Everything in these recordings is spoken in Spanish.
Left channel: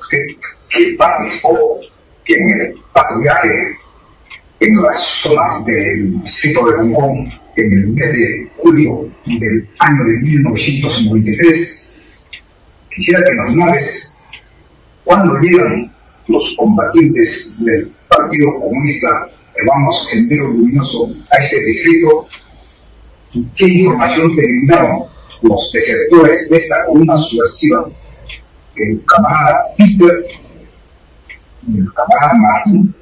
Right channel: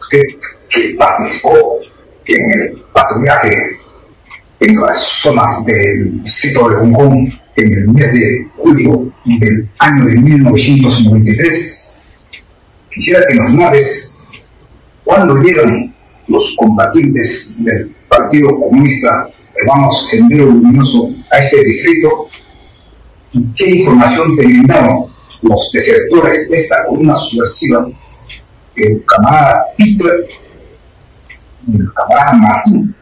usted que participó en el patrullaje en las zonas del distrito de Hong Kong en el mes de julio del año de 1993, quisiera que nos narres cuándo llegan los combatientes del Partido Comunista Peruano Sendero Luminoso a este distrito y qué información te brindaron los desertores de esta columna subversiva, el camarada Peter y el camarada Martín.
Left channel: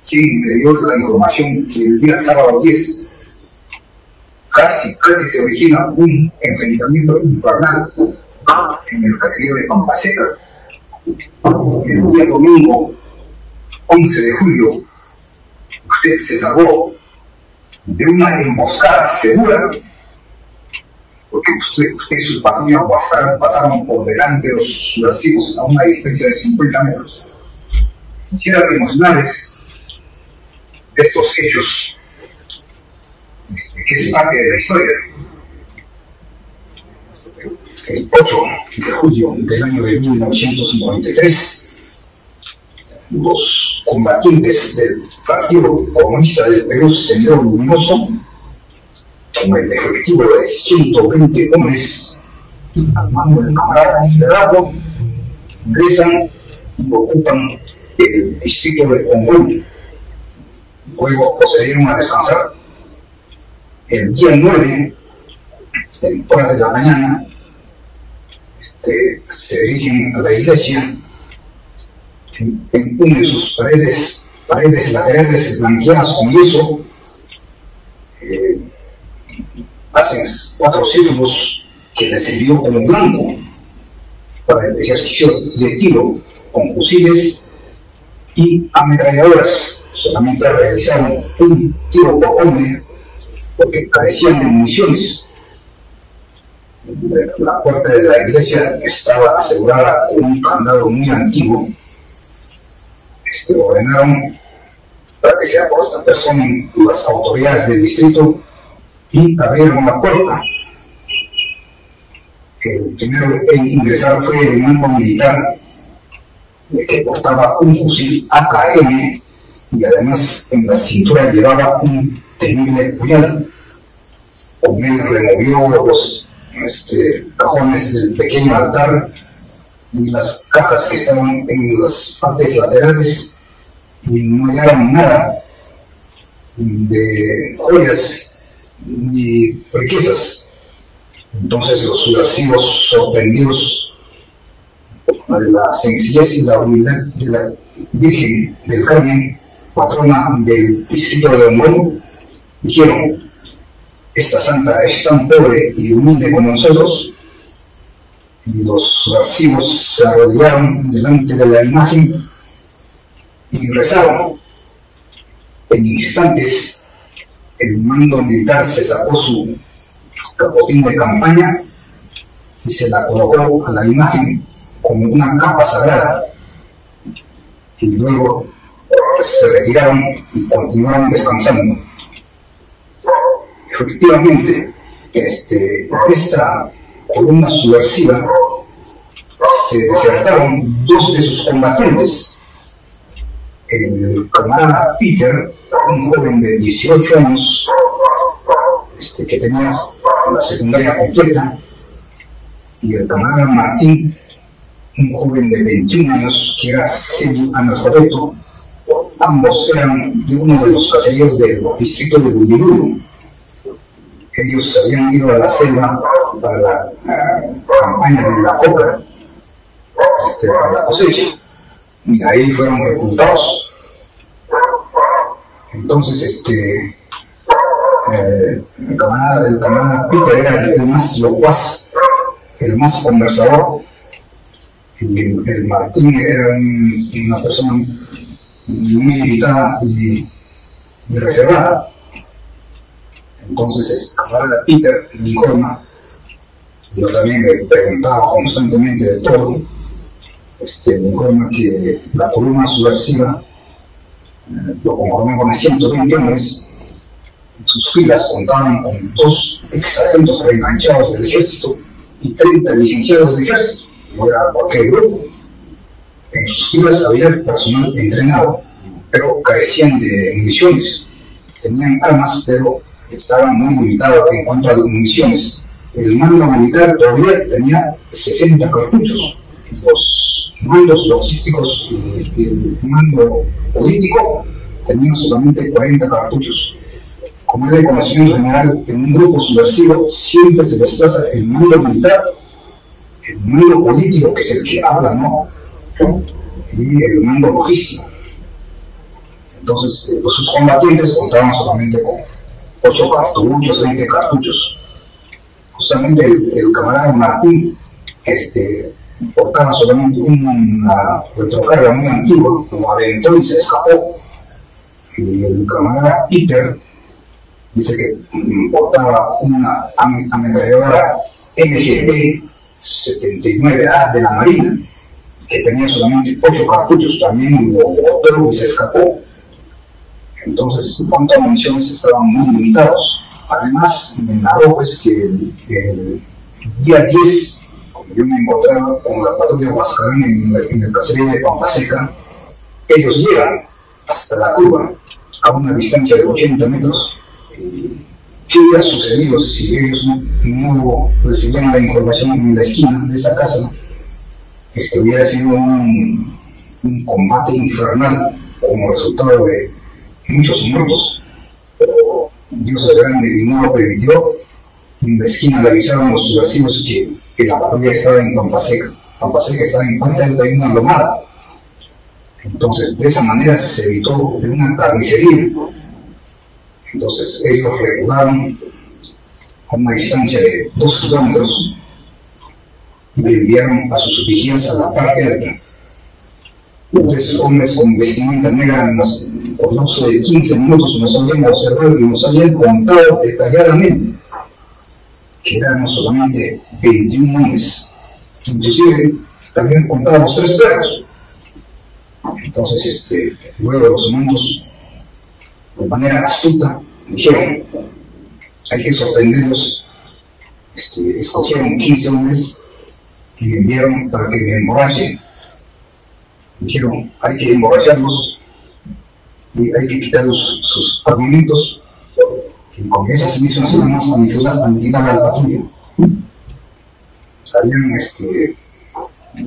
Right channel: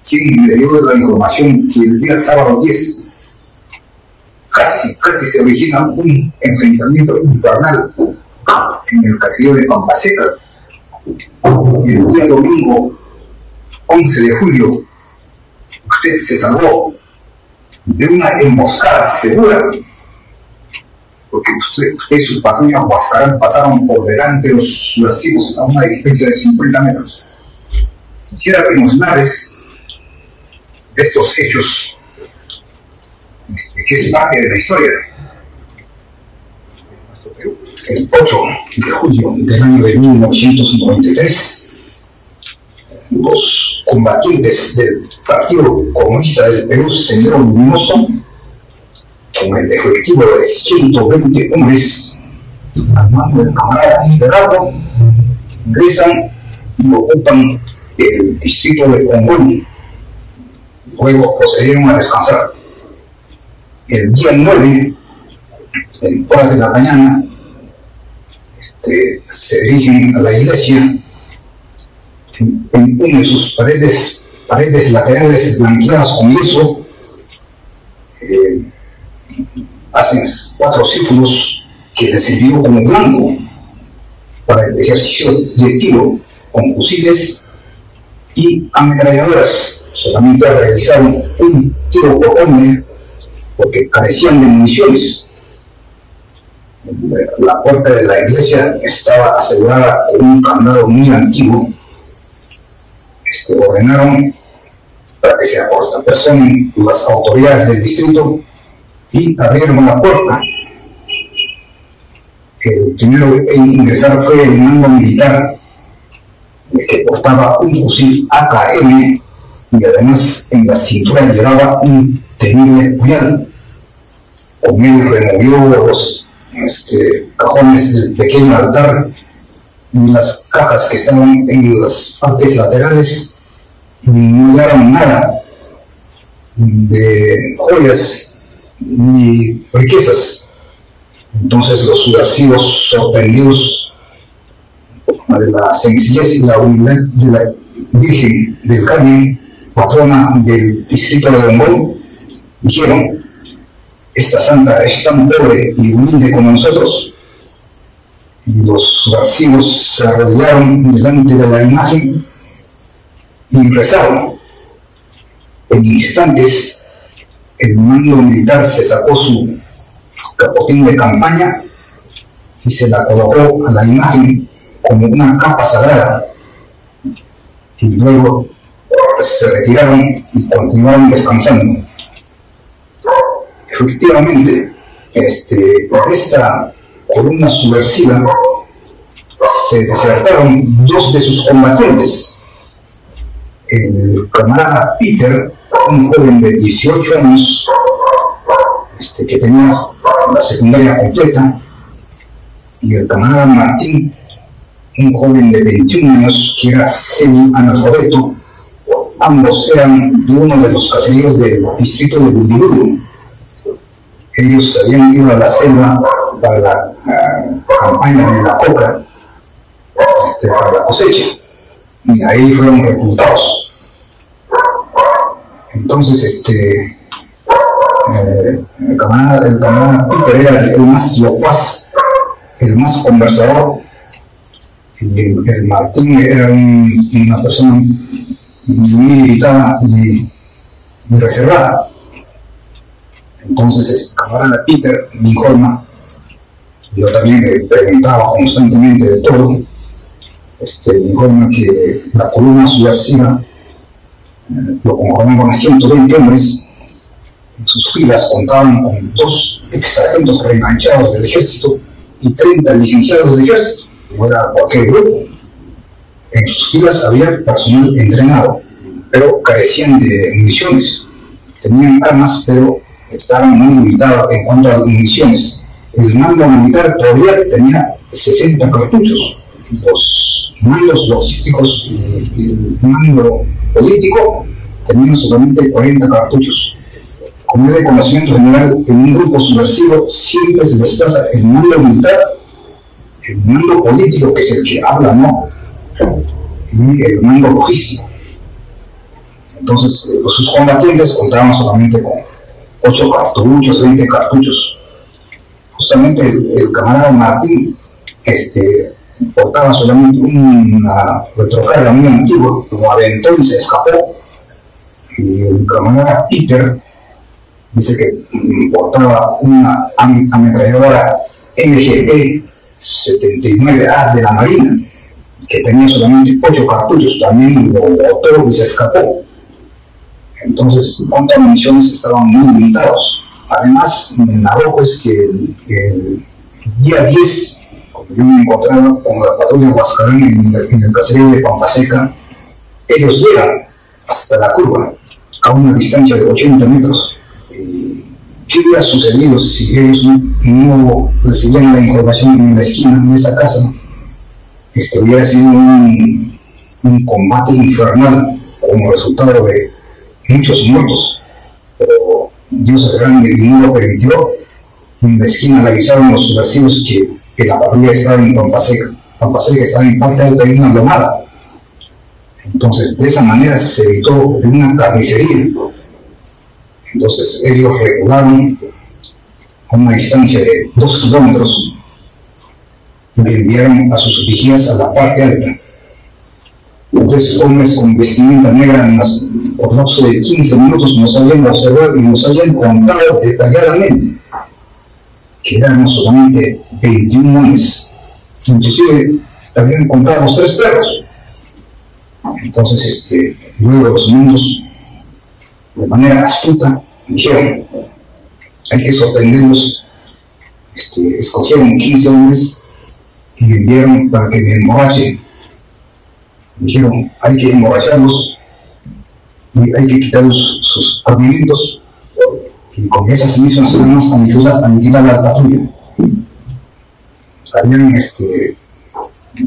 Sí, me dio la información que el día sábado 10 casi se origina un enfrentamiento infernal en el caserío de Pampaseca. El día domingo 11 de julio usted se salvó de una emboscada segura, porque usted y su patrulla Huascarán pasaron por delante de los subversivos a una distancia de 50 metros. Quisiera que nos narres estos hechos, que es parte de la historia. El 8 de julio del año de 1993, los combatientes del Partido Comunista del Perú Sendero Luminoso, con el efectivo de 120 hombres al mando del camarada Gerardo, ingresan y ocupan el distrito de Hong Kong. Luego procedieron a descansar. El día 9, en horas de la mañana, se dirigen a la iglesia. En una de sus paredes laterales blanqueadas con yeso, hacen 4 círculos que les sirvió como blanco para el ejercicio de tiro con fusiles y ametralladoras. Solamente realizaron un tiro por hombre porque carecían de municiones. La puerta de la iglesia estaba asegurada con un candado muy antiguo. Ordenaron para que se apersonen las autoridades del distrito y abrieron la puerta. El primero en ingresar fue el mando militar, que portaba un fusil AKM y además en la cintura llevaba un temible puñal. Con él removió los cajones del pequeño altar y las cajas que estaban en las partes laterales, y no hallaron nada de joyas ni riquezas. Entonces los subversivos, sorprendidos de la sencillez y la humildad de la Virgen del Carmen, patrona del distrito de Hong Kong, dijeron: esta santa es tan pobre y humilde como nosotros. Y los subversivos se arrodillaron delante de la imagen y rezaron. En instantes, el mando militar se sacó su capotín de campaña y se la colocó a la imagen como una capa sagrada. Y luego se retiraron y continuaron descansando. Efectivamente, por esta columna subversiva se desertaron 2 de sus combatientes. El camarada Peter, un joven de 18 años, que tenía la secundaria completa, y el camarada Martín, un joven de 21 años que era semi-analfabeto. Ambos eran de uno de los caseríos del distrito de Buldibudu. Ellos habían ido a la selva para la campaña de la coca, para la cosecha, y ahí fueron reclutados. Entonces el camarada Peter era el más locuaz, el más conversador, y el Martín era una persona muy limitada y muy reservada. Entonces el camarada Peter me informa, yo también le preguntaba constantemente de todo, me informa que la columna subversiva lo conformaban a 120 hombres. En sus filas contaban con 2 ex-sargentos reenganchados del ejército y 30 licenciados del ejército. No era cualquier grupo. En sus filas había personal entrenado, pero carecían de municiones. Tenían armas, pero estaban muy limitados en cuanto a municiones. El mando militar todavía tenía 60 cartuchos. Los mandos logísticos y el mando político tenían solamente 40 cartuchos. Como es de conocimiento general, en un grupo subversivo siempre se desplaza el mando militar, el mando político, que es el que habla, ¿no? Y el mando logístico. Entonces, sus combatientes contaban solamente con 8 cartuchos, 20 cartuchos. Justamente el camarada Martín portaba solamente una retrocarga muy antigua, lo aventó y se escapó. Y el camarada Peter dice que portaba una ametralladora MGP-79A de la Marina, que tenía solamente 8 cartuchos, también lo botó y se escapó. Entonces, en cuanto a municiones, estaban muy limitados. Además, me narró pues que el día 10, cuando yo me encontraba con la patrulla Huascarán en el caserío de Pampaseca, ellos llegan hasta la curva, a una distancia de 80 metros. ¿Qué hubiera sucedido si ellos no recibían la información en la esquina de esa casa? Hubiera sido un combate infernal como resultado de muchos muertos, pero Dios es grande y no lo permitió. En la esquina le avisaron los subversivos que la patrulla estaba en Pampaseca. Pampaseca estaba en parte alta de una lomada. Entonces, de esa manera se evitó de una carnicería. Entonces, ellos regularon a una distancia de 2 kilómetros y enviaron a sus vigías a la parte alta. 3 hombres con vestimenta negra por lapso de 15 minutos nos habían observado y nos habían contado detalladamente que éramos solamente 21 hombres. Inclusive habían contado los 3 perros. Entonces, luego los mundos, de manera astuta, dijeron, hay que sorprenderlos. Escogieron 15 hombres y enviaron para que me emborrachen. Dijeron, hay que emborracharlos y hay que quitarlos sus armamentos, y con esas mismas armas aniquilar a la patrulla. Habían, de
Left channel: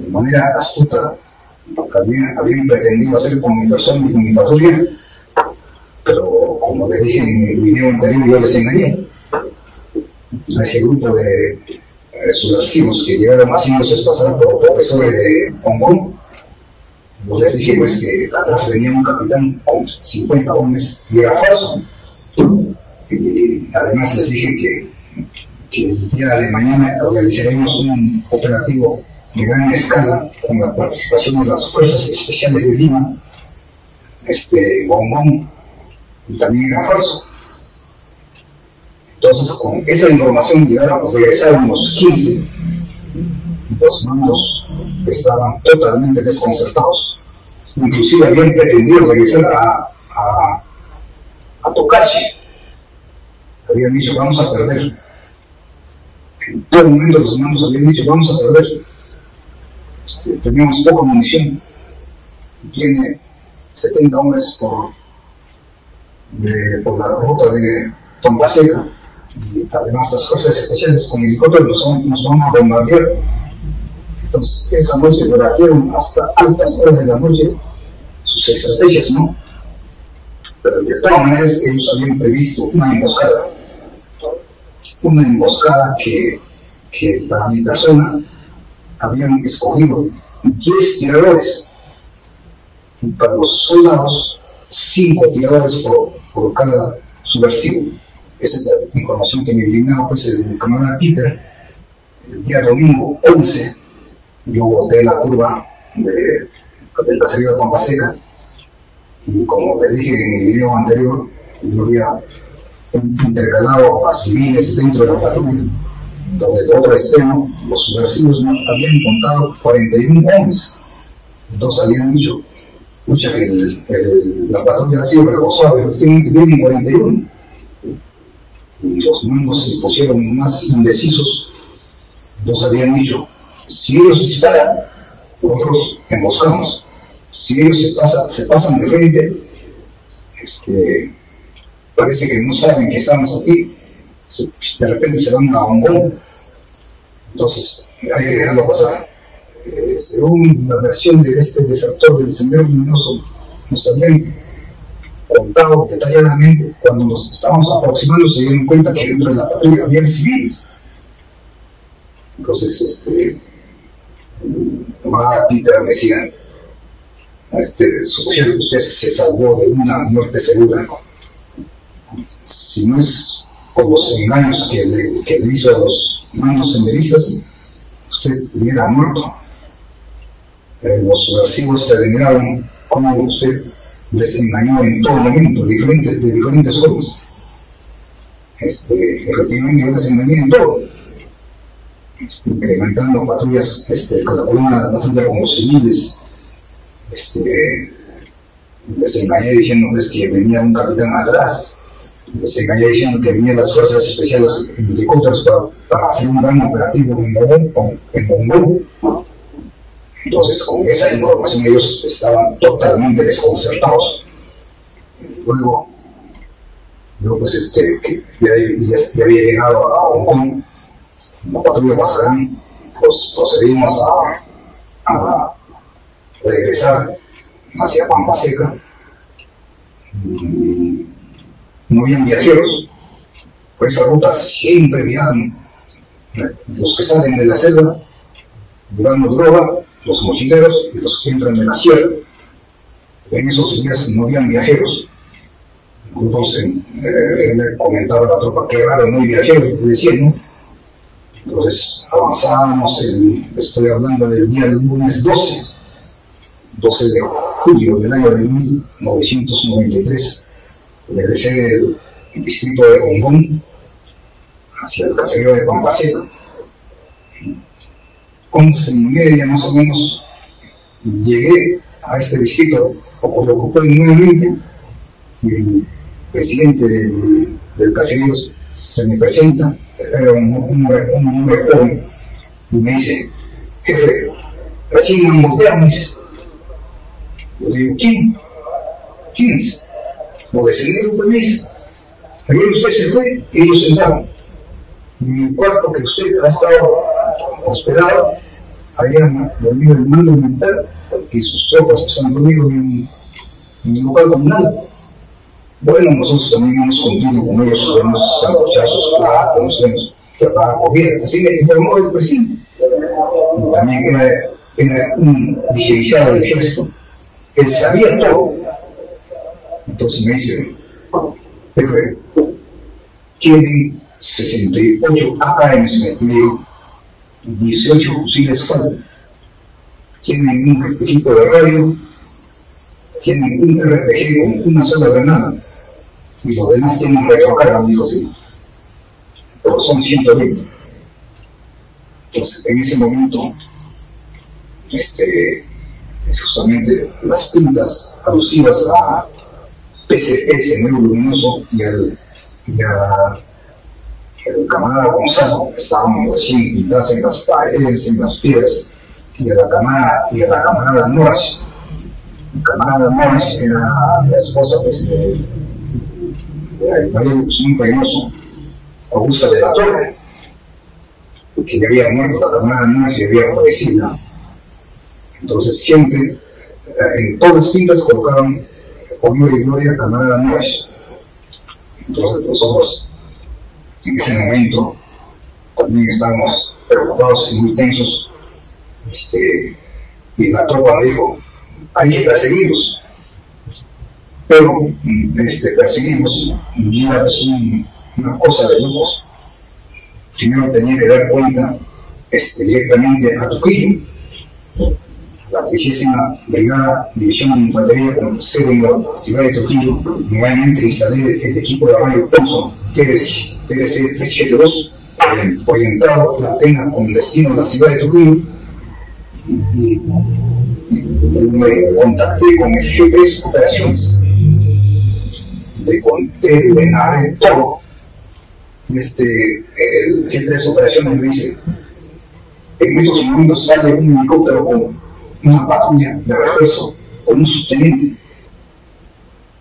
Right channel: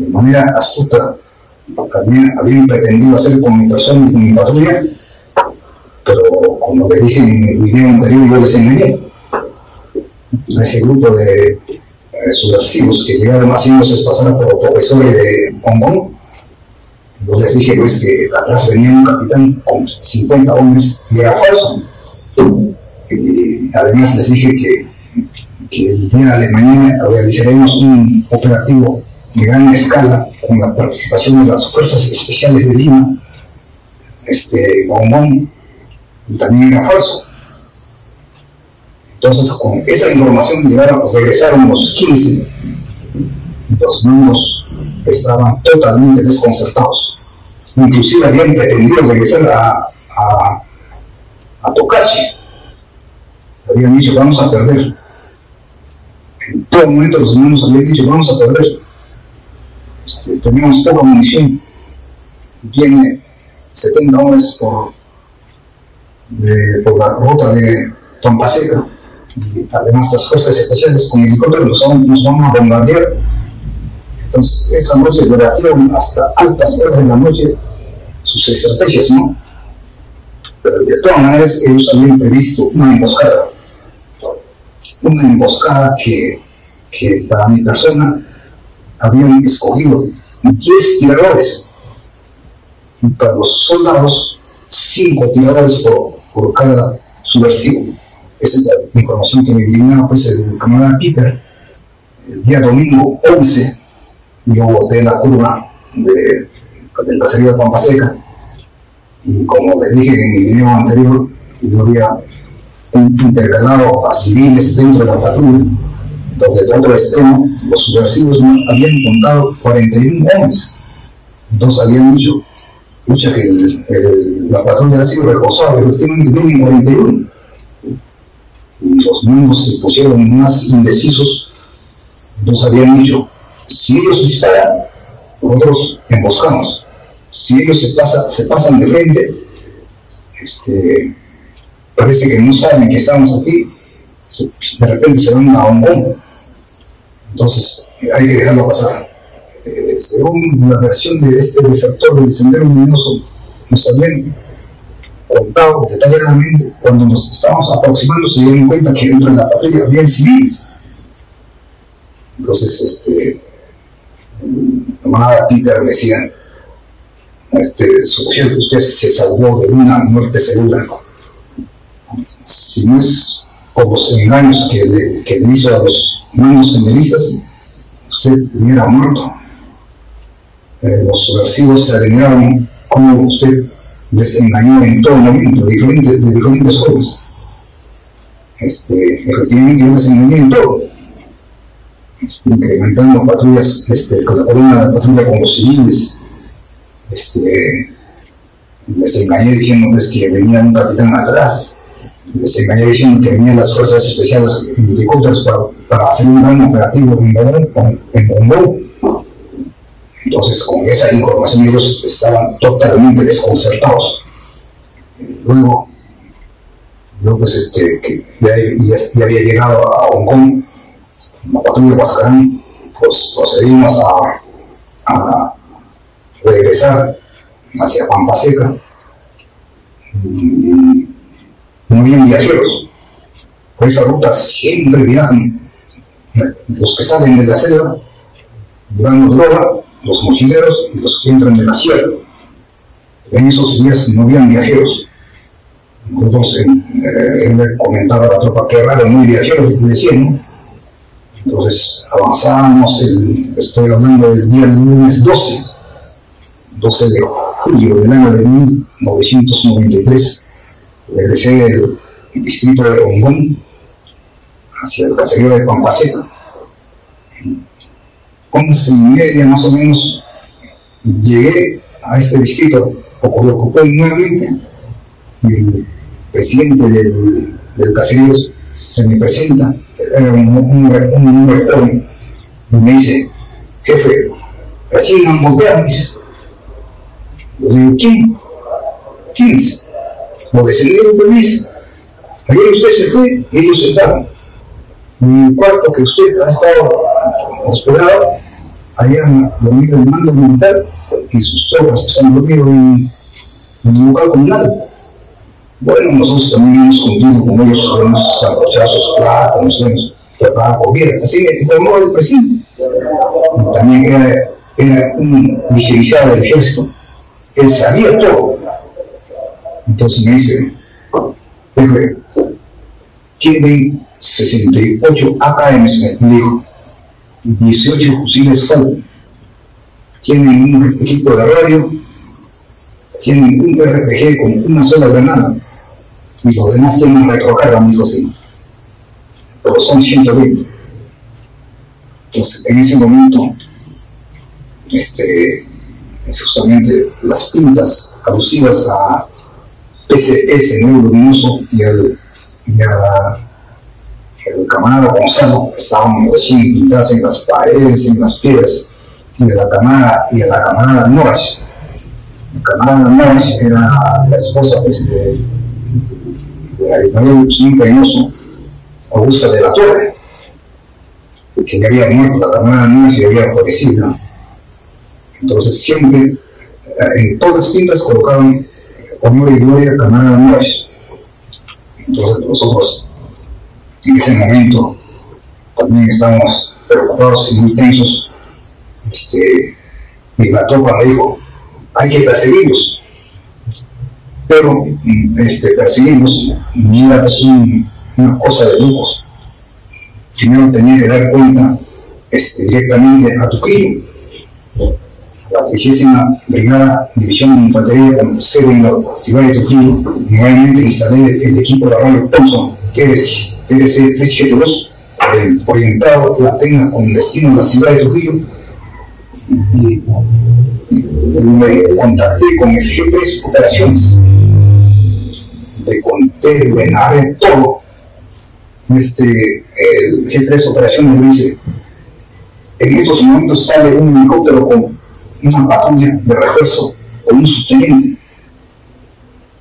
manera astuta, habían pretendido hacer con mi persona y con mi patrulla, pero como les dije en el video anterior, yo les engañé a ese grupo de subversivos que llegaron haciéndose pasar por profesores de Hong Kong. Yo les dije pues que atrás venía un capitán con 50 hombres y era falso. Y además les dije que el día de mañana realizaremos un operativo de gran escala con la participación de las fuerzas especiales de Lima, Hong Kong, y también era falso. Entonces, con esa información regresaron los 15, y los mandos estaban totalmente desconcertados. Inclusive habían pretendido regresar a Tocachi. Habían dicho, vamos a perder. En todo momento los hermanos habían dicho, vamos a perder. Teníamos poca munición. Viene 70 hombres por la ruta de Pampaseca. Y además las fuerzas especiales con helicópteros nos van a bombardear. Entonces, esa noche debatieron hasta altas horas de la noche sus estrategias, ¿no? Pero de todas maneras, ellos habían previsto una emboscada que para mi persona habían escogido 10 tiradores, y para los soldados 5 tiradores por cada subversivo. Esa es la información que me brindaba pues el camarada Peter. El día domingo 11 yo boté la curva del caserío de Pampaseca, y como les dije en mi video anterior, yo había intercalado a civiles dentro de la patrulla. Entonces, de otro extremo, los subversivos habían contado 41 hombres. Entonces habían dicho, escucha que la patrulla ha sido reforzada, efectivamente vienen 41. Y los mandos se pusieron más indecisos. Entonces habían dicho, si ellos disparan, nosotros emboscamos. Si ellos se pasan de frente, parece que no saben que estamos aquí, de repente se van a Hongkong. Entonces hay que dejarlo pasar. Según la versión de este desertor del Sendero Luminoso, nos habían contado detalladamente, cuando nos estábamos aproximando se dieron cuenta que dentro de la patrulla había civiles. Entonces el camarada Peter me decía, usted se salvó de una muerte segura. Si no es por los engaños que le hizo a los mandos senderistas, usted hubiera muerto. Los subversivos se admiraron cómo usted les engañó en todo momento, de diferentes formas. Efectivamente yo les engañé en todo, incrementando patrullas, con la columna de patrulla con los civiles. Les engañé diciendo pues, que venía un capitán atrás, les engañé diciendo que venían las fuerzas especiales en helicópteros para hacer un gran operativo en Hongkong. Entonces, con esa información ellos estaban totalmente desconcertados. Luego, yo pues que ya había llegado a Hongkong, la patrulla de Huascarán, pues procedimos a regresar hacia Pampa Seca. Y no habían viajeros. Por esa ruta siempre viajan los que salen de la selva llevando droga, los mochileros y los que entran de la sierra. En esos días no habían viajeros. Nosotros él le comentaba a la tropa que raro, no hay viajeros, te decían, ¿no? Entonces avanzábamos, estoy hablando del día lunes 12 de julio del año de 1993, regresé del distrito de Hongkong hacia el caserío de Pampa Seca. 11:30 más o menos llegué a este distrito, ocupé nuevamente, y el presidente del caserío se me presenta, era un hombre joven, y me dice: jefe, recién han volteado, me dice. Yo digo: ¿quién es? Lo descendieron, me dice. Ayer usted se fue y ellos entraron. En el cuarto que usted ha estado hospedado, habían dormido el mando militar y sus tropas pues, han dormido en el local comunal. Bueno, nosotros también hemos cumplido con ellos, hemos sancochado sus plátanos, hemos preparado comida. Así me informó el presidente. Y también era un licenciado del ejército. Él sabía todo. Entonces me dice: jefe, tienen 68 AKMs, me dijo, 18 fusiles FAL, tienen un equipo de radio, tienen un RPG con una sola granada, y los demás tienen retrocarga, me dijo, sí, pero son 120. Entonces, en ese momento, justamente las pintas alusivas a PCP, Sendero Luminoso, y al camarada Gonzalo estaban recién pintadas en las paredes, en las piedras, y a la camarada Norash. La camarada Norash era la esposa pues, de Abimael Reynoso, Augusta de la Torre, que ya había muerto la camarada Norash y había fallecido. Entonces siempre en todas las pintas colocaban honor y gloria a camarada Norash. Entonces nosotros en ese momento también estábamos preocupados y muy tensos, y la tropa me dijo: hay que perseguirlos. Pero perseguirlos no era pues una cosa de locos. Primero tenía que dar cuenta directamente a Trujillo, la 30ª Brigada División de Infantería con sede en la ciudad de Trujillo. Nuevamente instalé el equipo de radio Thompson TRC 372, orientado la pena con destino a la ciudad de Trujillo, y me contacté con el G3 Operaciones. Le conté, le narré todo. El G3 Operaciones me dice: en estos momentos sale un helicóptero con una patrulla de refuerzo con un subteniente.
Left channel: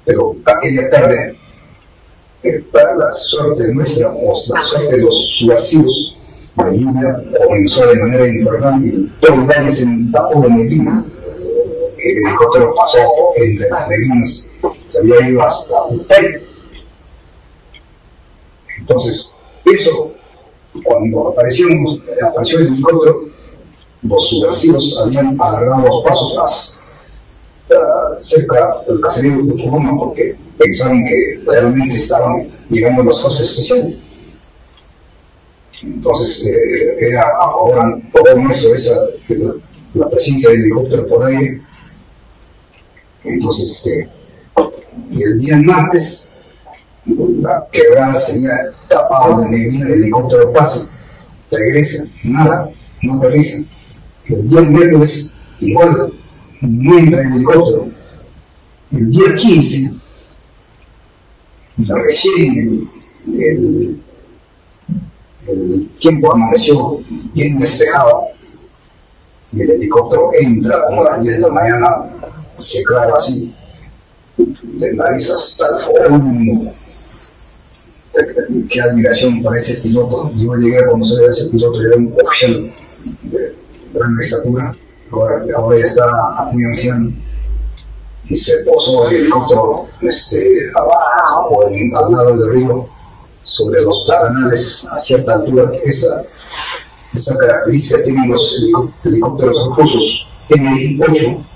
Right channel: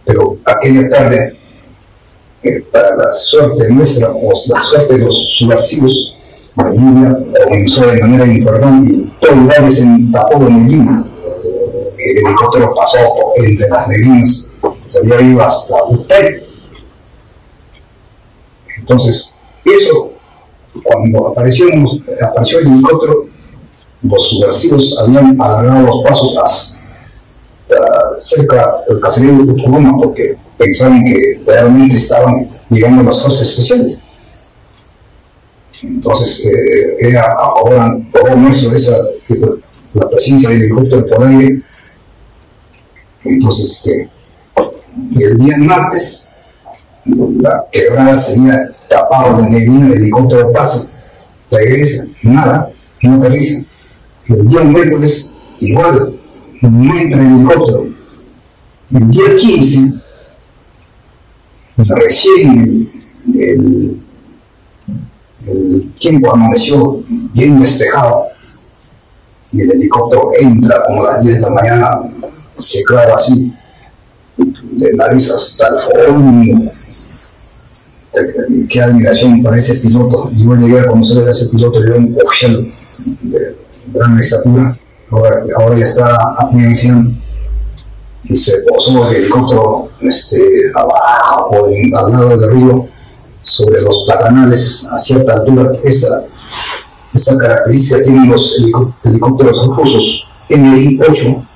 Pero aquella tarde, para la suerte nuestra o la suerte de los subversivos, la lluvia comenzó de manera infernal y todo el valle se tapó de neblina. El helicóptero pasó entre las neblinas, se había ido hasta Utay. Entonces, eso, cuando apareció el helicóptero, los subversivos habían alargado los pasos hasta cerca del caserío de Utucoma porque pensaban que realmente estaban llegando las fuerzas especiales. Entonces, era a favor nuestro la presencia del helicóptero por aire. Entonces, el día martes, la quebrada se había tapado de neblina, el helicóptero pasa, regresa, nada, no aterriza. El día miércoles, igual, no entra el helicóptero. El día 15, recién el tiempo amaneció bien despejado y el helicóptero entra como a las 10 de la mañana, se clava así, de nariz hasta el fondo. Qué admiración para ese piloto. Yo llegué a conocer a ese piloto, era un oficial de gran estatura, ahora ya está muy anciano, y se posó el helicóptero abajo, al lado del río, sobre los platanales a cierta altura. Esa característica tienen los helicópteros rusos Mi-8.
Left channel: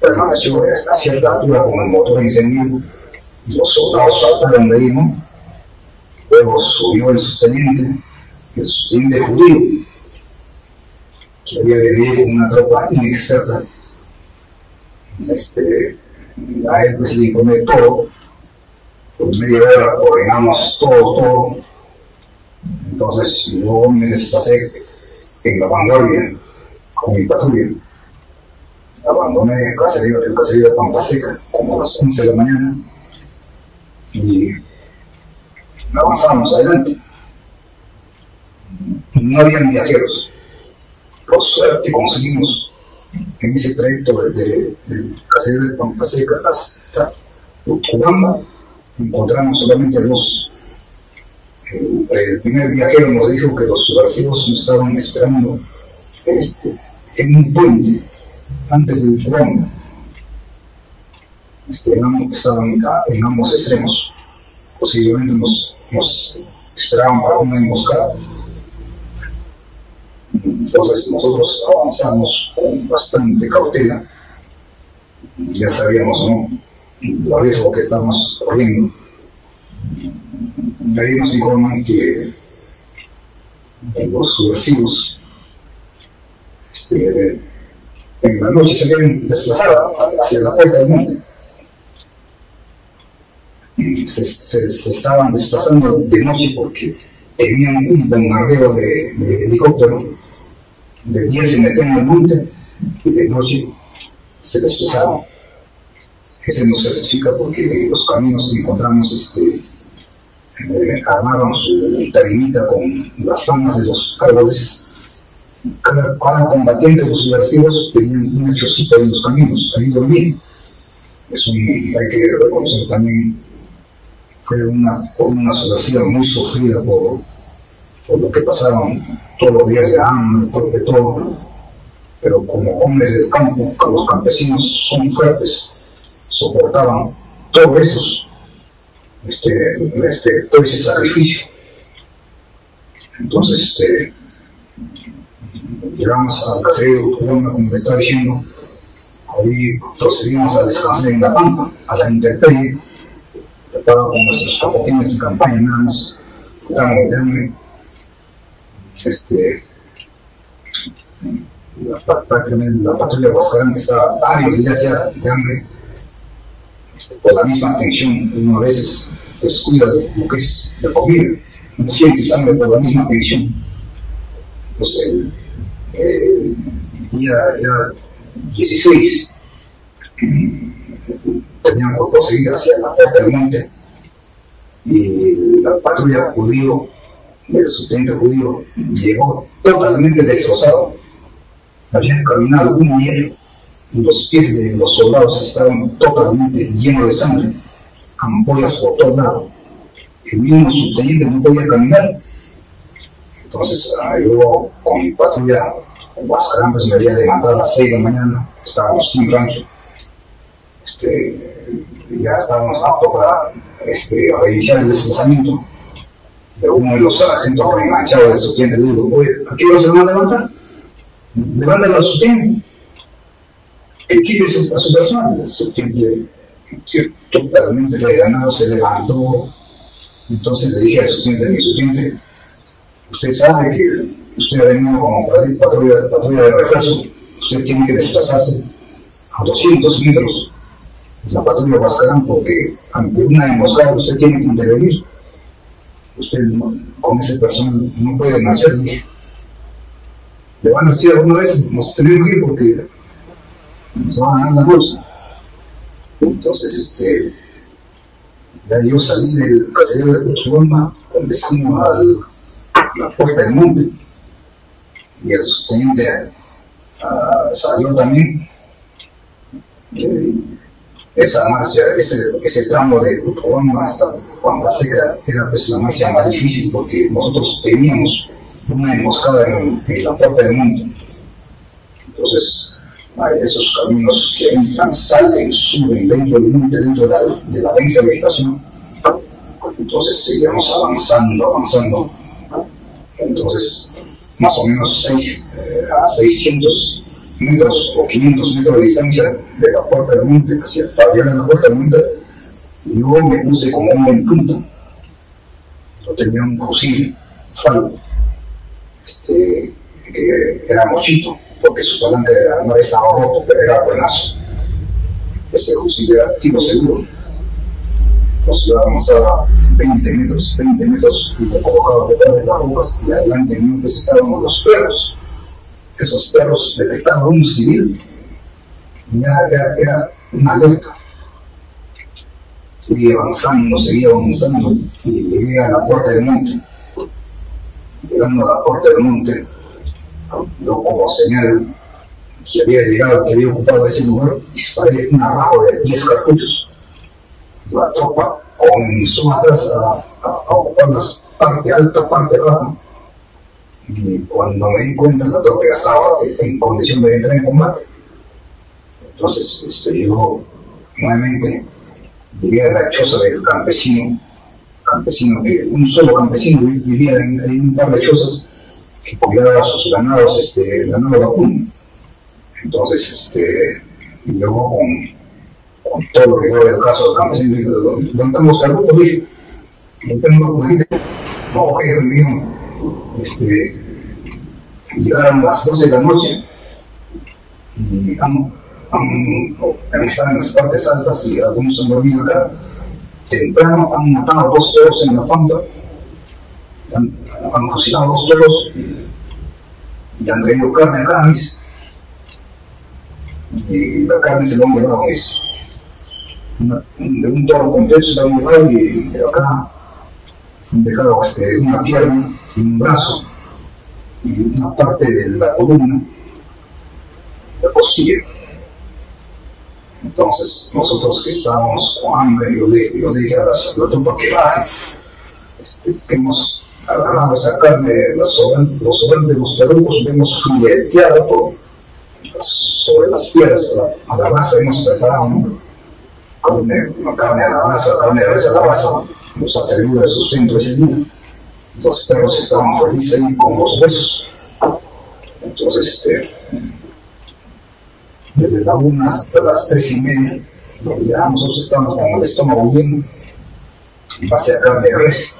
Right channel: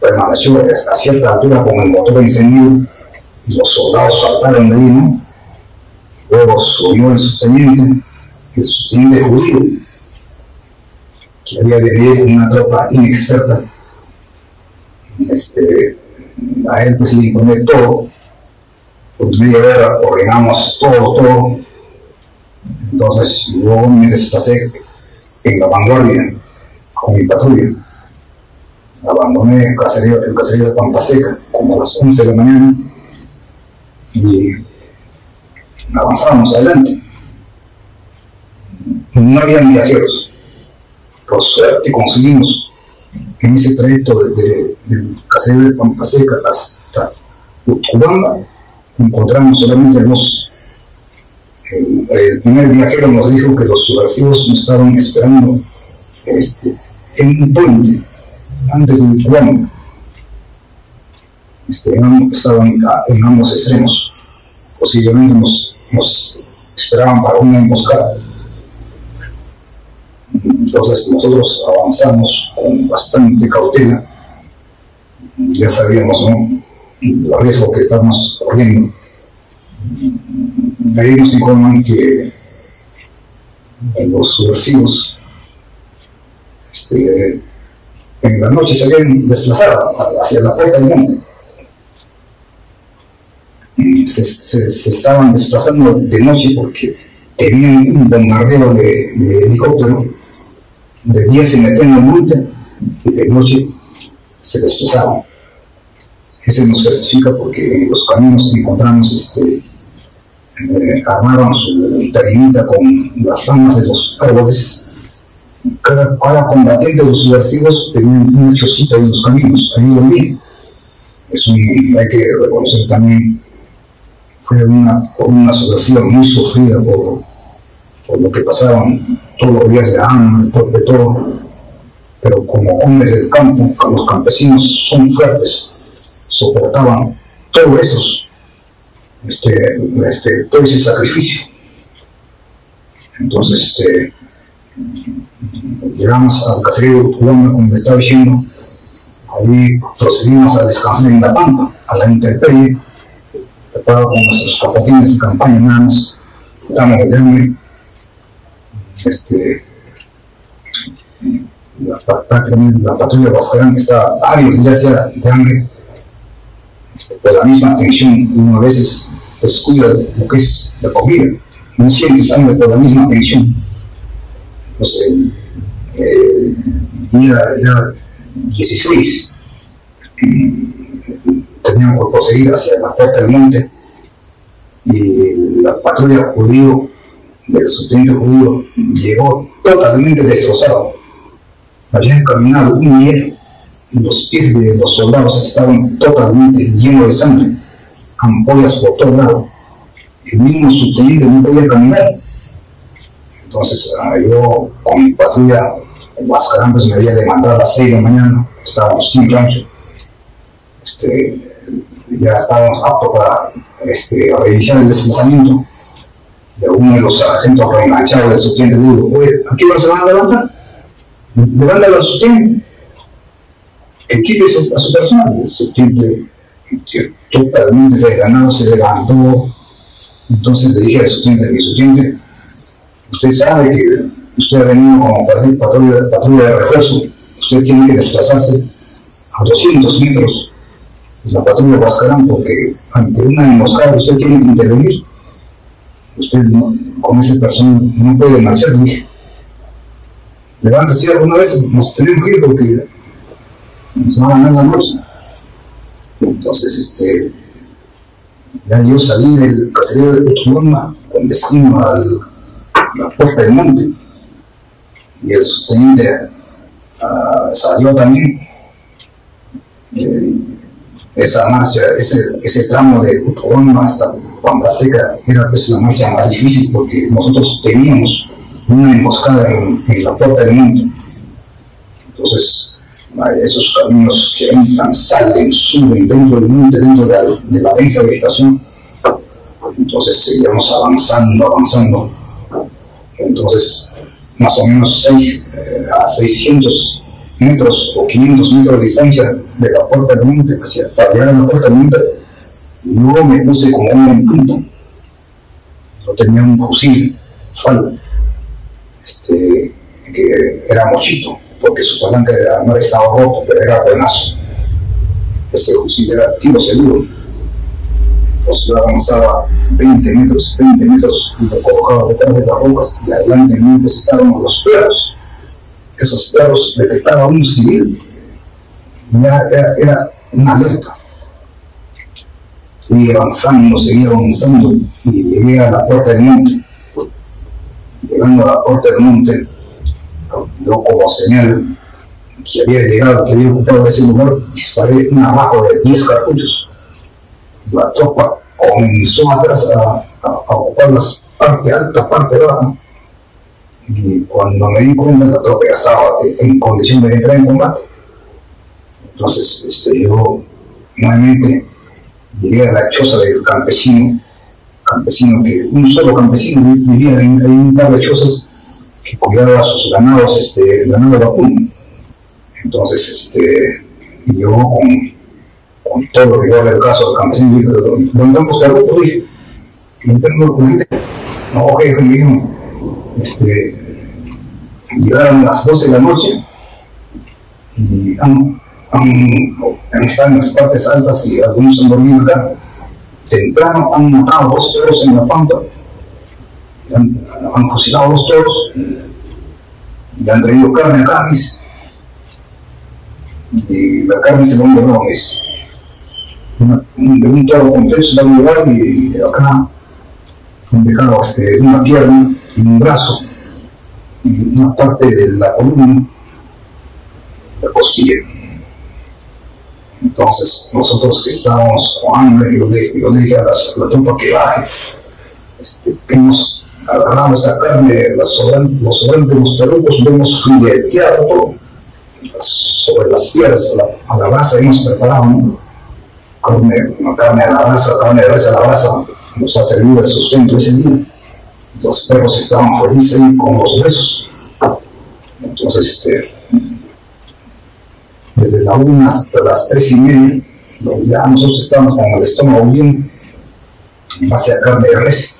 Permaneció a cierta altura con el motor encendido y los soldados saltaron de ahí, ¿no? Luego subió el subteniente judío, que había venido con una tropa inexperta. A él pues le informé todo. Por media hora ordenamos todo. Entonces yo me desplacé en la vanguardia con mi patrulla. Abandoné el caserío de Pampa Seca como a las 11 de la mañana y avanzábamos adelante. No habían viajeros. Por suerte conseguimos en ese trayecto del caserío de Pampa Seca hasta Utcubamba, encontramos solamente dos. El primer viajero nos dijo que los subversivos nos estaban esperando en un puente antes de Utcubamba. Estaban en ambos extremos. Posiblemente nos esperaban para una emboscada. Entonces nosotros avanzamos con bastante cautela. Ya sabíamos, ¿no?, el riesgo que estamos corriendo. Ahí nos informan que los subversivos en la noche se habían desplazado hacia la puerta del monte. Se estaban desplazando de noche porque tenían un bombardeo de helicóptero. De día se metían al monte y de noche se desplazaban. Ese nos certifica porque en los caminos encontramos armaron su tarimita con las ramas de los árboles. Cada combatiente de los subversivos tenía una chocita en los caminos, ahí dormían. Eso hay que reconocer también. Fue una subversiva muy sufrida por lo que pasaban todos los días de hambre, de todo. Pero como hombres del campo, los campesinos son fuertes, soportaban todo eso, todo ese sacrificio. Entonces llegamos al caserío de Utcubamba, como le estaba diciendo. Allí procedimos a descansar en la pampa, a la intemperie, preparado con nuestros capotines de campaña, nada más. Estamos de hambre. Prácticamente la patrulla Huascarán estaba varios días ya de hambre, por la misma tensión. Uno a veces descuida lo que es la comida, no sientes hambre por la misma tensión. Entonces el día era 16, teníamos que proseguir hacia la puerta del monte y la patrulla judío, del subteniente judío, llegó totalmente destrozado. Habían caminado un día y los pies de los soldados estaban totalmente llenos de sangre, ampollas por todo lado. El mismo subteniente no podía caminar. Entonces yo con mi patrulla en Huascarán pues me había levantado a las 6 de la mañana, estábamos sin rancho, ya estábamos aptos para reiniciar el desplazamiento. De uno de los sargentos reenganchados del subteniente le digo: oye, ¿a qué hora se van a levantar? Levántalo al subteniente, que equipe a su personal. El subteniente, totalmente desganado, se levantó. Entonces le dije al subteniente: mi subteniente, usted sabe que usted ha venido como patrulla de refuerzo, usted tiene que desplazarse a 200 metros de la patrulla Huascarán, porque ante una emboscada usted tiene que intervenir. Usted no, con ese personal no puede marchar. Le dije: levántese alguna vez, nos tenemos que ir porque nos va a ganar la noche. Entonces ya yo salí del caserío de Utuloma con destino a la Puerta del Monte, y el subteniente salió también. Esa marcha, ese tramo de Utuloma hasta Pampa Seca era pues la marcha más difícil, porque nosotros teníamos una emboscada en la Puerta del Monte. Entonces esos caminos que entran, salen, suben dentro del monte, dentro de la densa vegetación. Entonces seguíamos avanzando. Entonces más o menos a 600 metros o 500 metros de distancia de la Puerta del Monte, para llegar a la Puerta del Monte, yo me puse como hombre en punto. Yo tenía un fusil FAL, que era mochito, porque su palanca no estaba roto, pero era buenazo. Ese fusil era tiro seguro. Entonces yo avanzaba 20 metros, y me colocaba detrás de las rocas, y adelante en mí estaban los perros. Esos perros detectaban un civil, era una alerta. Seguía avanzando, y llegué a la Puerta del Monte. Llegando a la Puerta del Monte, yo como señal que había llegado, que había ocupado ese lugar, disparé un arrajo de 10 cartuchos. La tropa comenzó atrás a ocupar la parte alta, parte baja, y cuando me di cuenta, la tropa ya estaba en condición de entrar en combate. Entonces yo nuevamente llegué a la choza del campesino, un solo campesino vivía en un par de chozas, que cuidaba a sus ganados, ganado vacuno. Entonces yo con todo lo que iba del caso del campesino dije: ¿dónde estamos carrucos? Dije: no tengo la gente. No, jefe mío, llegaron las 12 de la noche y están en las partes altas y algunos han dormido acá. Temprano han matado 2 toros en la pampa, han fusilado 2 toros y han traído carne acá, y la carne se lo han llevado, de un toro completo se lo han llevado, y acá han dejado una pierna y un brazo y una parte de la columna, la costilla. Entonces nosotros que estábamos con hambre, yo le dije a la tropa que baje, que hemos agarrado esa carne, los sobrantes de los tarucos, lo hemos fileteado todo, sobre las piedras, a la brasa hemos preparado, ¿no? carne a la brasa, carne de res a la brasa, nos ha servido de sustento ese día. Los perros estaban felices ahí con los huesos. Entonces desde la 1 hasta las 3:30, ya nosotros estábamos con el estómago bien en base a carne de res,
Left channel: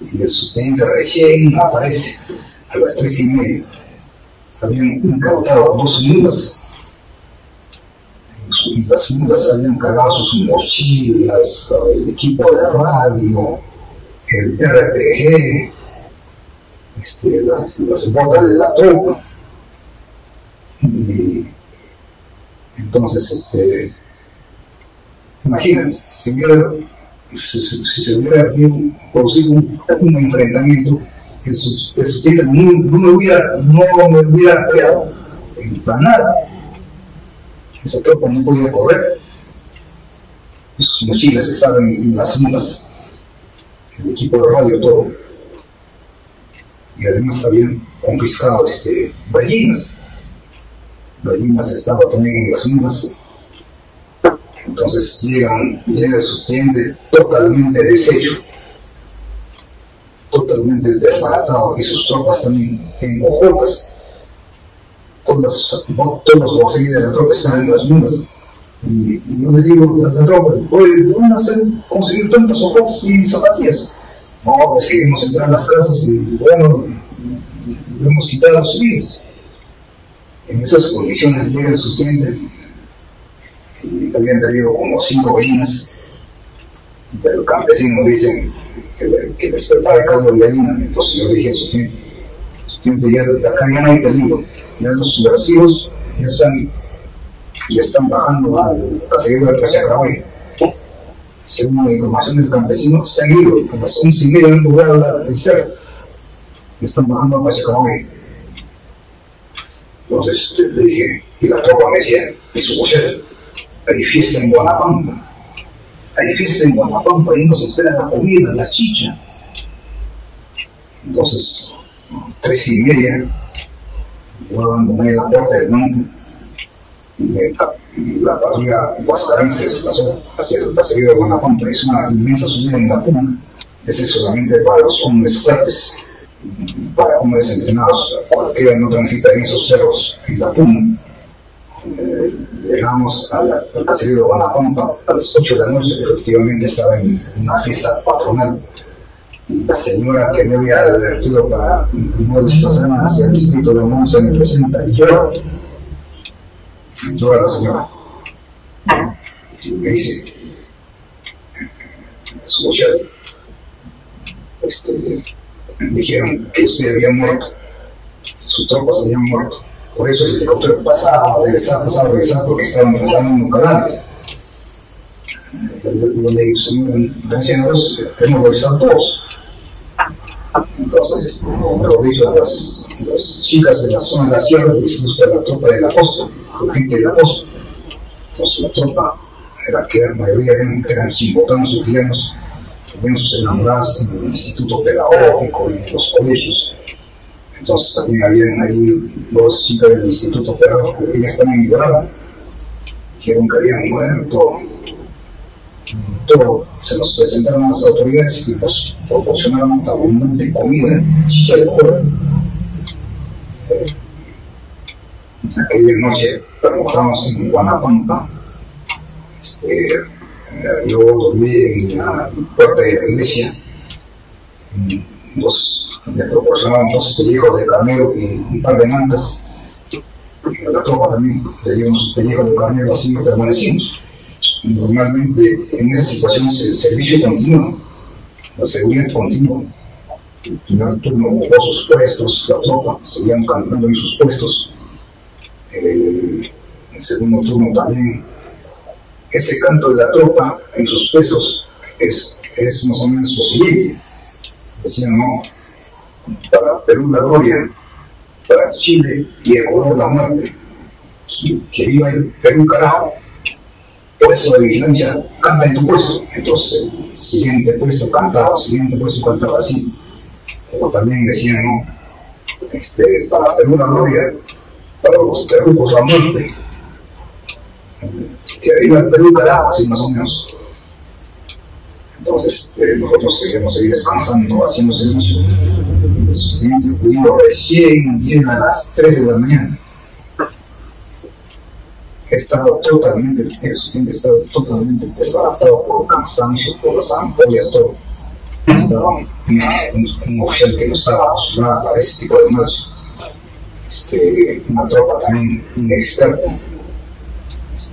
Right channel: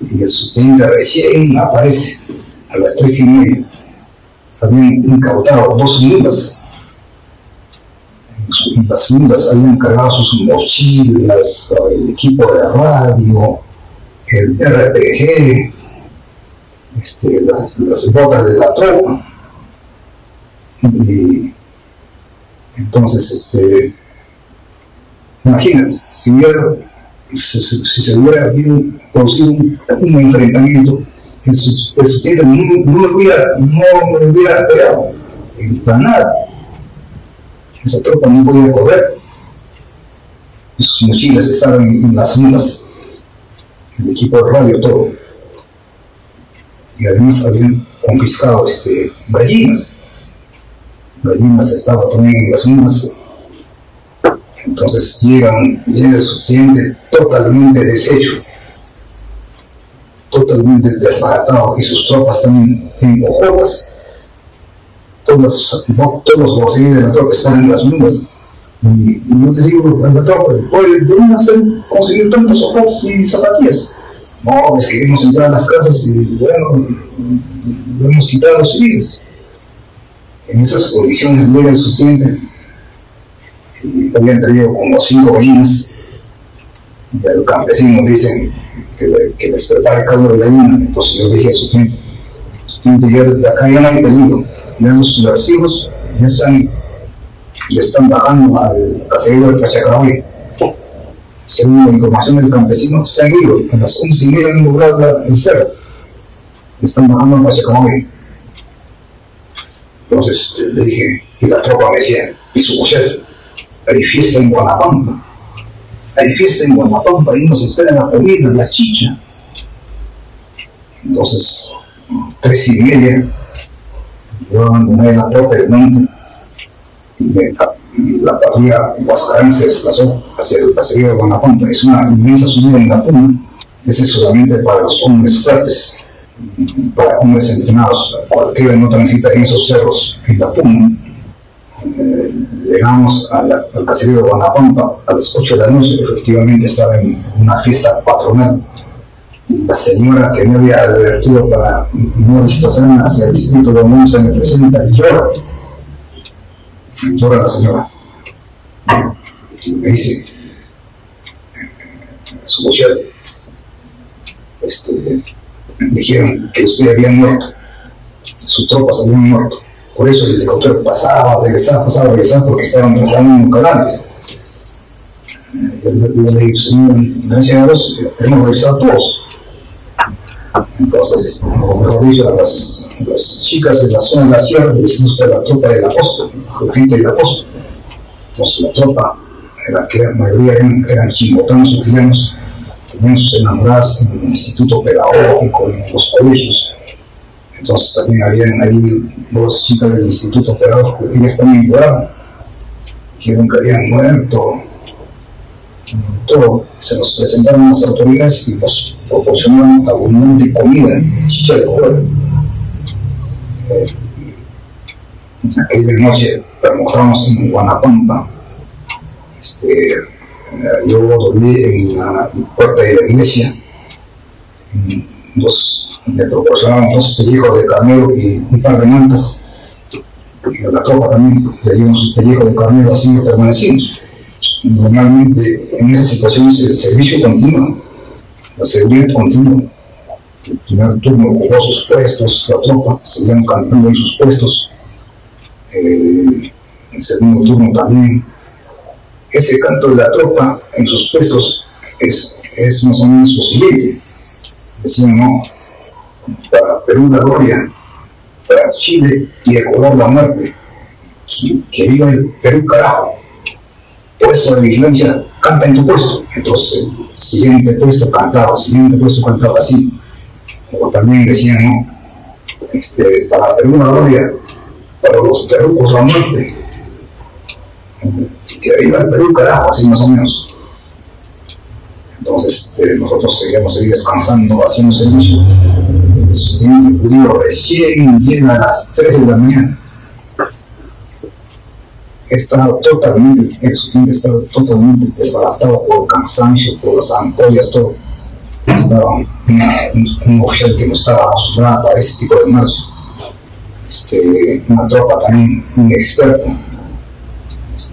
y el subteniente recién aparece a las 3:30. Habían incautado 2 mulas, en las mulas habían cargado sus mochilas, el equipo de radio, el RPG, las botas de la tropa. Y entonces imagínate, si se hubiera producido un enfrentamiento, el subteniente no me hubiera pegado, para nada. Esa tropa no podía correr. Sus mochilas estaban en las mulas, el equipo de radio, todo. Y además habían confiscado gallinas. Gallinas estaban también en las mulas. Entonces llega el subteniente totalmente deshecho, totalmente desbaratado, y sus tropas también en hojotas. Todos los bolsillos de la tropa están en las mulas. Y yo les digo a la tropa, oye, ¿de dónde hacen conseguir tantas hojotas y zapatillas? No, es que hemos entrado a las casas y bueno, lo hemos quitado a los civiles. En esas condiciones llega el subteniente, y habían traído como 5 gallinas, y al campesino dicen que les prepare caldo de gallina. Entonces yo dije al subteniente, ya de acá ya no hay peligro, ya los subversivos ya están bajando al caserío de Pachacarahuay. Según la información del campesino, se han ido a las 11:30 en lugar el cerro, están bajando al Pachacarahuay. Entonces le dije, y la tropa me decía, y su mujer, hay fiesta en Guanapampa, ahí nos espera la comida, la chicha. Entonces, 3:30, yo abandoné la puerta del monte, y la patrulla Huascarán se desplazó hacia el caserío de Guanapampa. Es una inmensa subida en la puna, ese es solamente para los hombres fuertes, para hombres entrenados. Cualquiera no transita en esos cerros en la puna. Llegamos al caserío de Guanapampa a las 8 de la noche. Efectivamente estaba en una fiesta patronal, y la señora que me había advertido para no desplazarme hacia el distrito de Once me presenta y llora la señora, y me dice, su mujer, me dijeron que usted había muerto, sus tropas habían muerto, por eso el helicóptero pasaba, regresaba, porque estaban trasladando cadáveres. Yo le digo, señor, gracias a Dios hemos regresado todos. Entonces, o mejor dicho, a las chicas de la zona de la sierra les gusta la tropa de la costa, la gente de la costa. Entonces la tropa, que la mayoría eran chimbotanos sufrianos, tenían sus enamoradas en el instituto pedagógico, en los colegios. Entonces también habían ahí 2 chicas del instituto pedagógico, ellas también lloraban, dijeron que habían muerto. Todo, se nos presentaron las autoridades y nos proporcionaron abundante comida, chicha de cuero. Aquella noche permontamos en Guanapampa. Yo dormí en la puerta de la iglesia. Me proporcionaron 2 pellejos de carnero y un par de mantas. Y a la tropa también le dieron sus pellejos de carnero, así permanecimos. Normalmente en esas situaciones el servicio continúa, la seguridad continúa. El primer turno ocupó sus puestos, la tropa seguían cantando en sus puestos. El segundo turno también. Ese canto de la tropa en sus puestos es más o menos lo siguiente. Decían, no, para Perú la gloria, para Chile y Ecuador la muerte. Que viva el Perú, carajo. Puesto de vigilancia, canta en tu puesto. Entonces el siguiente puesto cantaba así. O también decían, no, para Perú la gloria, para los terrucos la muerte, que viva el Perú, carajo, así más o menos. Entonces nosotros seguíamos ahí descansando, haciendo servicio. El estudiante judío recién llega a las 3 de la mañana. El estudiante estaba totalmente desbaratado por el cansancio, por las ampollas, todo. Estaba un oficial que no estaba acostumbrado para ese tipo de marcha. Una tropa también inexperta,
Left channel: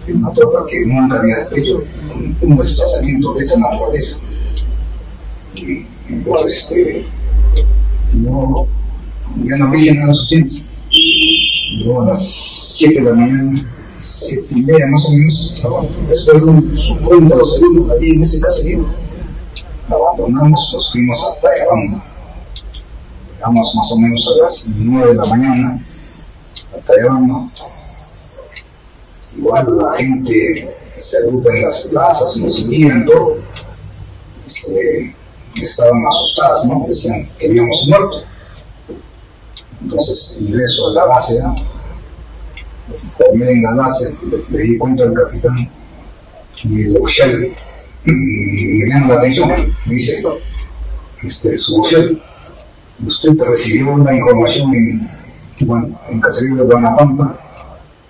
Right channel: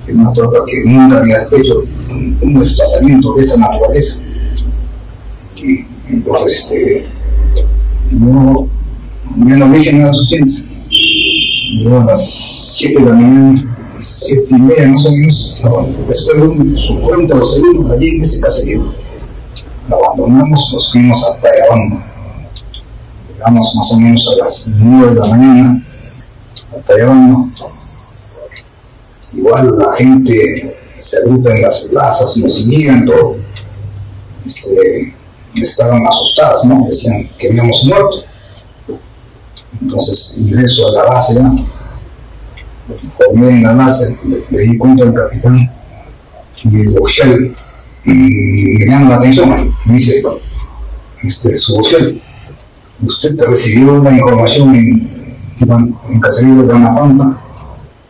una tropa que nunca había hecho un desplazamiento de esa naturaleza. Y entonces yo ya no dije nada a los estudiantes. Yo a las 7 de la mañana, 7:30 más o menos, después de un 50 o segundos allí en ese caserío, abandonamos, nos fuimos a Tayabamba. Llegamos más o menos a las 9 de la mañana Atayama. Igual la gente se agrupa en las plazas, nos seguían, todo. Estaban asustadas, ¿no? Decían que habíamos muerto. Entonces ingreso a la base, ¿no? Formé en la base, le di cuenta al capitán y el oficial me llama la atención, me dice, su oficial, usted recibió una información en Caserío de Guanapampa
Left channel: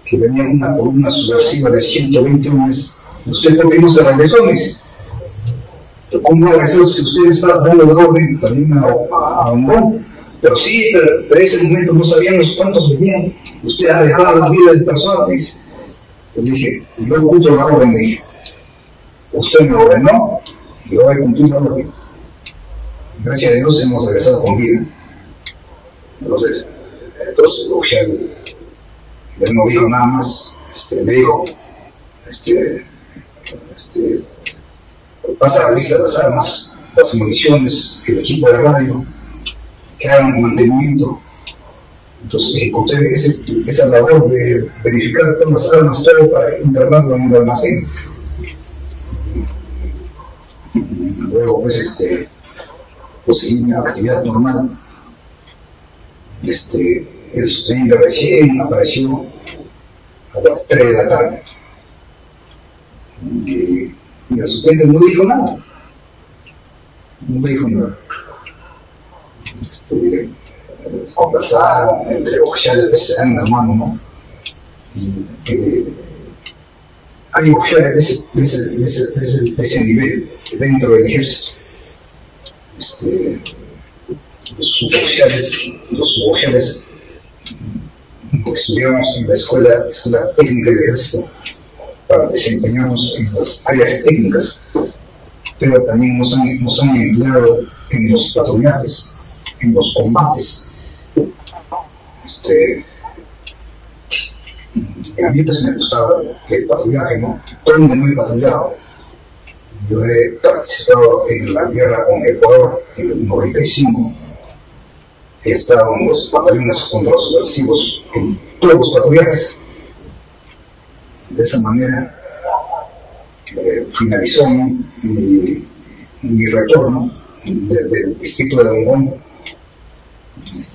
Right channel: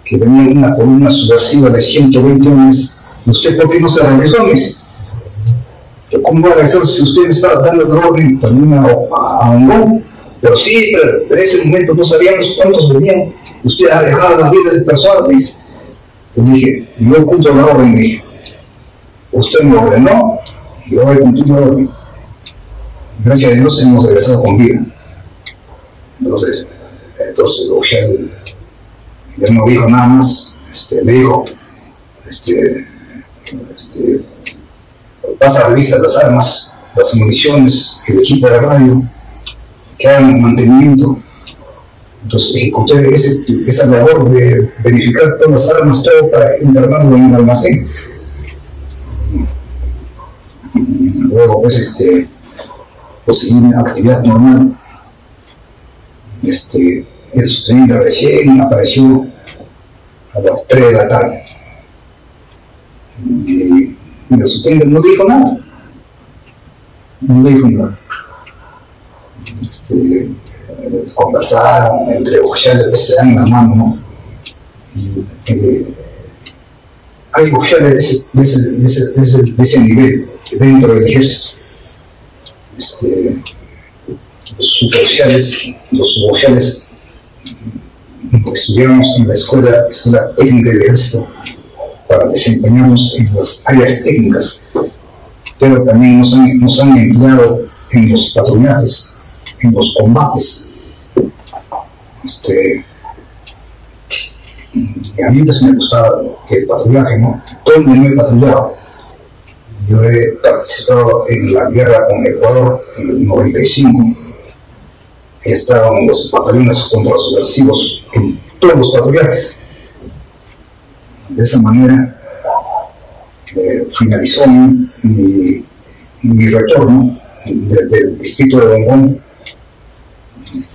que venía una columna subversiva de 120 hombres. ¿Usted por qué no se regresó? Me dice, ¿cómo va a regresar si usted está dando la orden también a Hongón? Pero sí, pero en ese momento no sabíamos cuántos venían. Usted ha dejado la vida del personal, me dice. Le dije, yo cumplo la orden, me dije. Usted me ordenó y yo voy a cumplir la orden. Gracias a Dios hemos regresado con vida. Entonces el oficial ya no dijo nada más. Me dijo, pasa a revista las armas, las municiones, el equipo de radio, que hagan mantenimiento. Entonces ejecuté esa labor de verificar todas las armas, todo para internarlo en el almacén. Luego pues seguí mi actividad normal. El subteniente recién apareció a las 3 de la tarde y el subteniente no dijo nada, conversaron entre oficiales, se dan la mano, ¿no? Hay oficiales de ese nivel dentro del ejército. Los suboficiales estudiamos en la escuela técnica del ejército para desempeñarnos en las áreas técnicas, pero también nos han empleado en los patrullajes, en los combates. Y a mí pues me gustaba el patrullaje, ¿no? ¿Dónde no he patrullado? Yo he participado en la guerra con Ecuador en el 95. He estado en los batallones contrasubversivos, en todos los patrullajes. De esa manera finalizó mi retorno del distrito de Hongón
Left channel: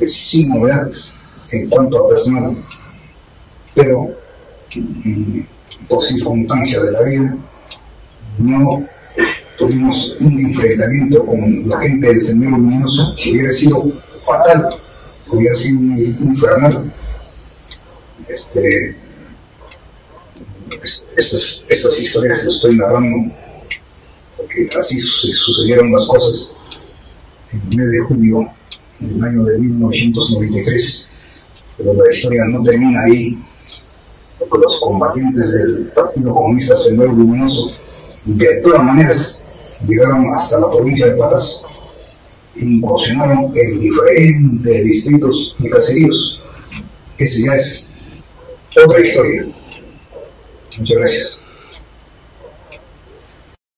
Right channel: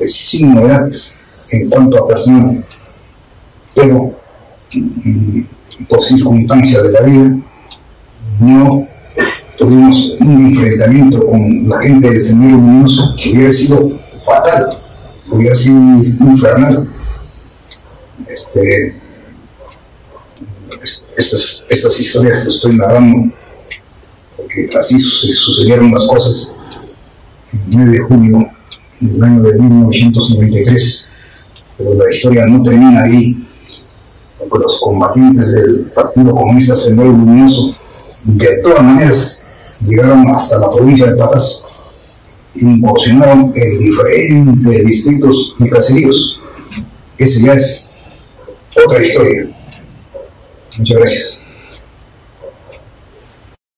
sin novedades en cuanto a personal, pero por circunstancias de la vida no tuvimos un enfrentamiento con la gente del Sendero Luminoso que hubiera sido fatal, hubiera sido infernal. Estas historias las estoy narrando porque así sucedieron las cosas el 9 de junio del año de 1993, pero la historia no termina ahí, porque los combatientes del Partido Comunista Sendero Luminoso de todas maneras llegaron hasta la provincia de Patas, incursionaron en diferentes distritos y caseríos. Esa ya es otra historia. Muchas gracias.